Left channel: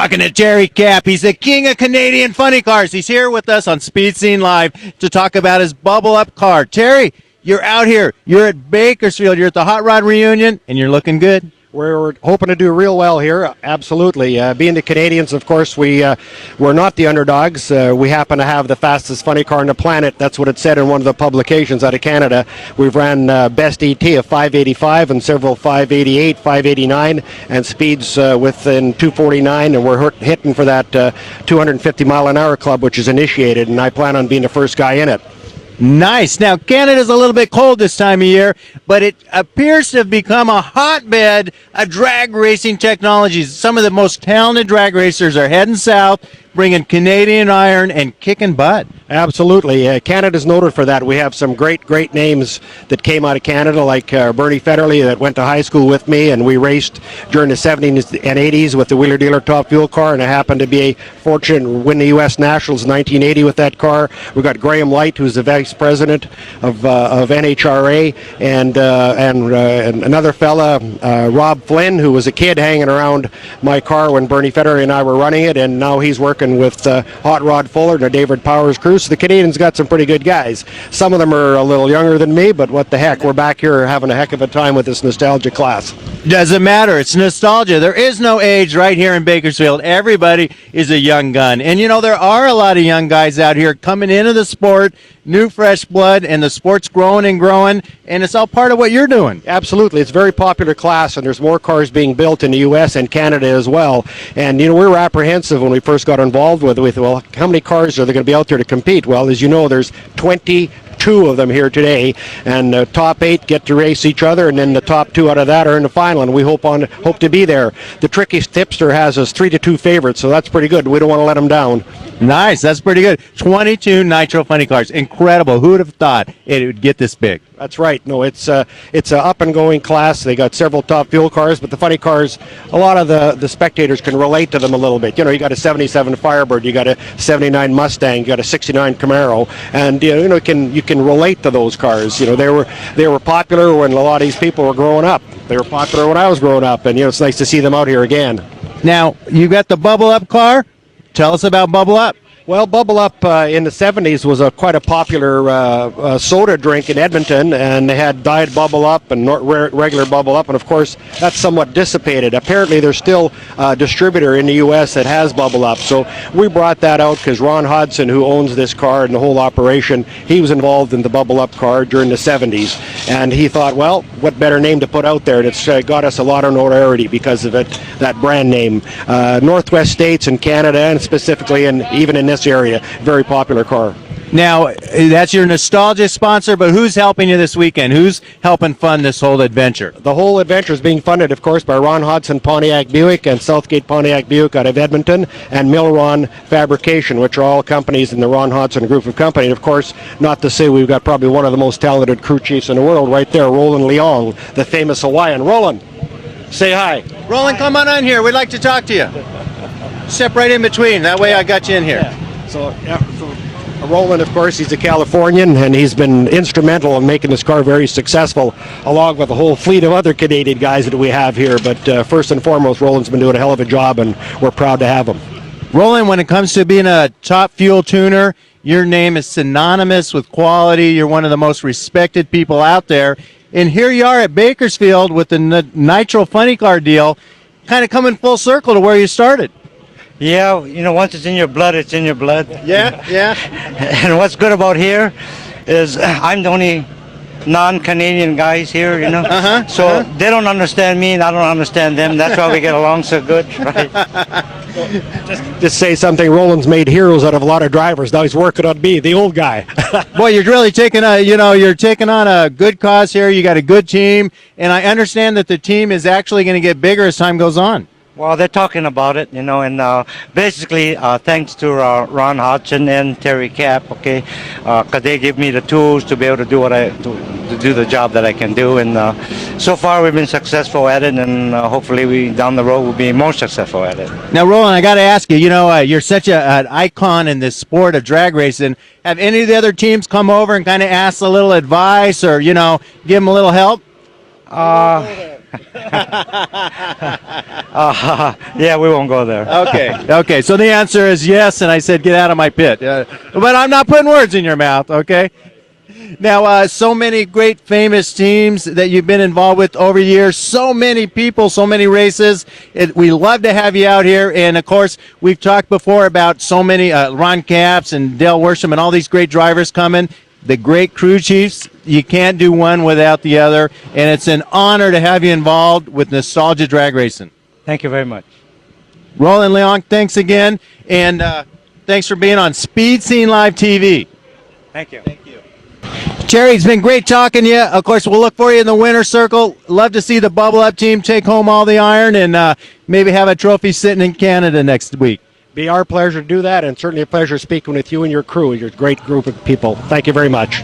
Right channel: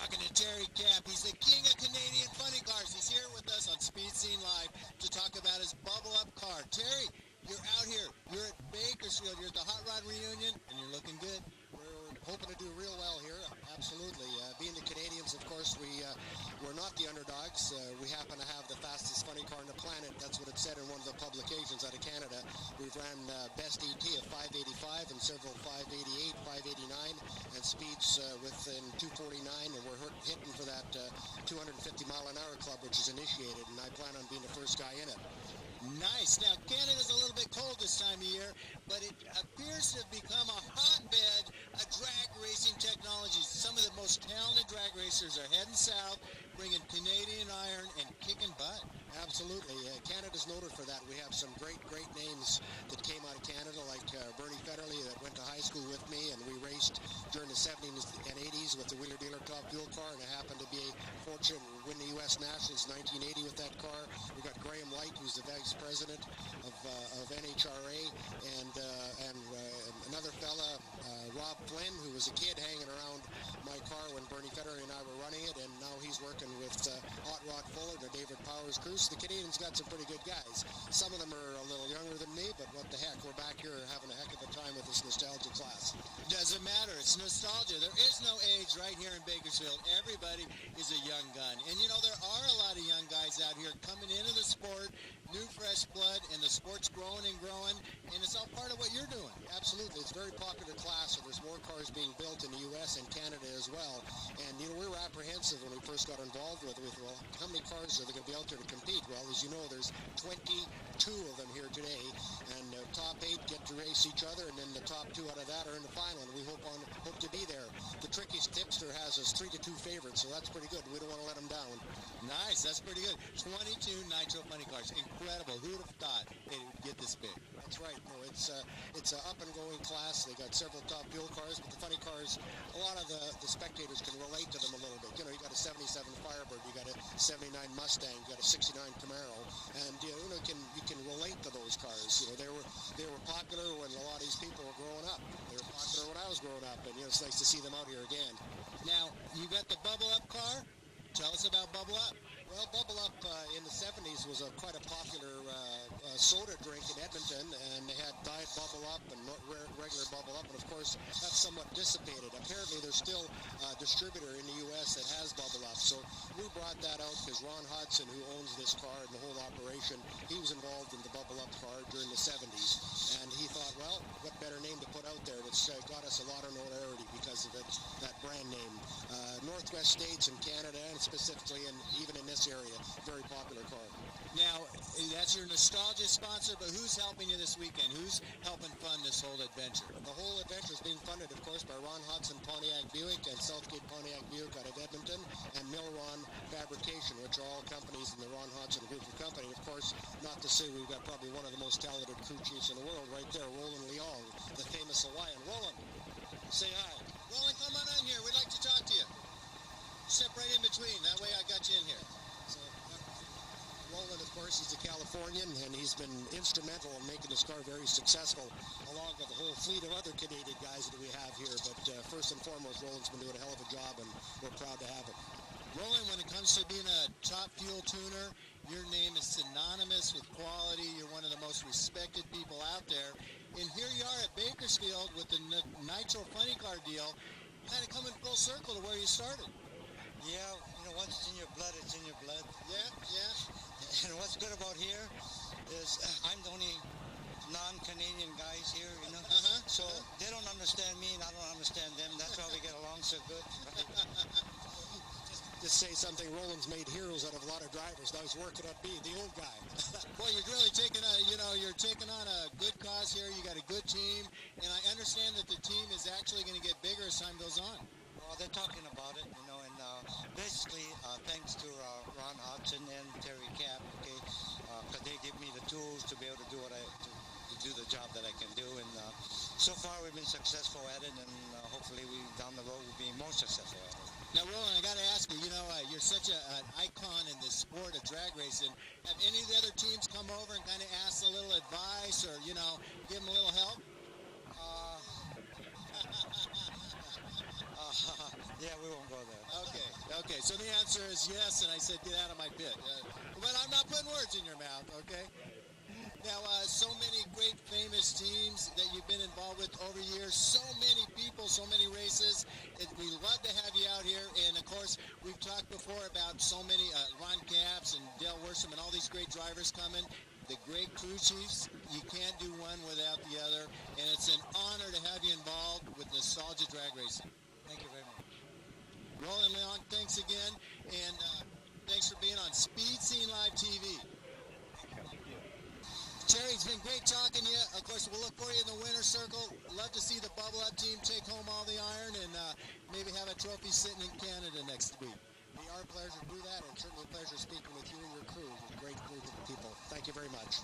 Talking to Terry Capp. He's the king of Canadian funny cars. He's here with us on Speed Scene Live to talk about his Bubble Up car. Terry, you're out here. You're at Bakersfield. You're at the Hot Rod Reunion, and you're looking good. We're hoping to do real well here, absolutely. Being the Canadians, of course, we're not the underdogs. We happen to have the fastest funny car on the planet. That's what it said in one of the publications out of Canada. We've ran best ET of 585 and several 588, 589, and speeds within 249, and we're hitting for that 250 mile an hour club, which is initiated, and I plan on being the first guy in it. Nice. Now, Canada's a little bit cold this time of year, but it appears to have become a hotbed of drag racing technologies. Some of the most talented drag racers are heading south, bringing Canadian iron and kicking butt. Absolutely. Canada's noted for that. We have some great names that came out of Canada, like Bernie Federley, that went to high school with me, and we raced during the 70s and 80s with the Wheeler Dealer Top Fuel car, and I happened to be fortunate to win the U.S. Nationals in 1980 with that car. We've got Graham Light, who's the vice president of NHRA, and another fella, Rob Flynn, who was a kid hanging around my car when Bernie Federley and I were running it, and now he's working with Hot Rod Fuller, the David Powers crew. So the Canadians got some pretty good guys. Some of them are a little younger than me, but what the heck, we're back here having a heck of a time with this nostalgia class. Doesn't matter. It's nostalgia. There is no age right here in Bakersfield. Everybody is a young gun. And, you know, there are a lot of young guys out here coming into the sport, new fresh blood, and the sport's growing and growing, and it's all part of what you're doing. Absolutely. It's a very popular class, and there's more cars being built in the U.S. and Canada as well. And, you know, we were apprehensive when we first got involved with it. Well, how many cars are there going to be out there to compete? Well, as you know, there's 22 of them here today, and the top 8 get to race each other, and then the top 2 out of that are in the final, and we hope to be there. The trickiest tipster has us 3-2 favorites, so that's pretty good. We don't want to let them down. Nice. That's pretty good. 22 Nitro funny cars. Incredible. Who would have thought it would get this big? That's right. No, it's a up-and-going class. They got several top fuel cars, but the funny cars, a lot of the spectators can relate to them a little bit. You know, you got a 77 Firebird, you got a 79 Mustang, you got a 69 Camaro, and you know you can relate to those cars. You know, they were popular when a lot of these people were growing up. They were popular when I was growing up, and you know, it's nice to see them out here again. Now, you got the Bubble Up car. Tell us about Bubble Up. Well, Bubble Up in the 70s was quite a popular soda drink in Edmonton, and they had Diet Bubble Up and regular Bubble Up, and of course that's somewhat dissipated. Apparently there's still a distributor in the U.S. that has Bubble Up, so we brought that out because Ron Hodson, who owns this car and the whole operation, he was involved in the Bubble Up car during the 70s, and he thought, well, what better name to put out there? And it's got us a lot of notoriety because of it, that brand name. Northwest states and Canada, and specifically, and even in this area, very popular car. Now, that's your nostalgia sponsor, but who's helping you this weekend? Who's helping fund this whole adventure? The whole adventure is being funded, of course, by Ron Hodson Pontiac Buick and Southgate Pontiac Buick out of Edmonton, and Milron Fabrication, which are all companies in the Ron Hodson group of companies. And of course, not to say we've got probably one of the most talented crew chiefs in the world right there, Roland Leong, the famous Hawaiian. Roland, say hi. Roland, come on in here. We'd like to talk to you. Step right in between. That way I got you in here. Yeah. So Roland, of course, he's a Californian, and he's been instrumental in making this car very successful, along with a whole fleet of other Canadian guys that we have here. But first and foremost, Roland's been doing a hell of a job, and we're proud to have him. Roland, when it comes to being a top fuel tuner, your name is synonymous with quality. You're one of the most respected people out there. And here you are at Bakersfield with the Nitro Funny Car deal, kind of coming full circle to where you started. Yeah, you know, once it's in your blood, it's in your blood. Yeah. And what's good about here is I'm the only non-Canadian guys here, you know. So they don't understand me and I don't understand them. That's why we get along so good, right? Just say something. Roland's made heroes out of a lot of drivers. Now he's working on me, the old guy. Boy, you're really taking on a good cause here. You got a good team, and I understand that the team is actually going to get bigger as time goes on. Well, they're talking about it, you know, and basically thanks to Ron Hodson and Terry Capp, okay, because they give me the tools to be able to do to do the job that I can do, and so far we've been successful at it, and hopefully down the road we'll be more successful at it. Now, Roland, I got to ask you, you know, you're such an icon in this sport of drag racing. Have any of the other teams come over and kind of ask a little advice or, you know, give them a little help? Yeah, we won't go there. Okay. So the answer is yes, and I said get out of my pit. But I'm not putting words in your mouth, okay? Now, so many great famous teams that you've been involved with over the years, so many people, so many races. We love to have you out here. And, of course, we've talked before about so many Ron Capps and Dale Worsham and all these great drivers coming. The great crew chiefs, you can't do one without the other. And it's an honor to have you involved with Nostalgia Drag Racing. Thank you very much. Roland Leong, thanks again. And thanks for being on Speed Scene Live TV. Thank you. Terry, it's been great talking to you. Of course, we'll look for you in the winner's circle. Love to see the Bubble Up team take home all the iron and maybe have a trophy sitting in Canada next week. Be our pleasure to do that, and certainly a pleasure speaking with you and your crew. You're a great group of people. Thank you very much.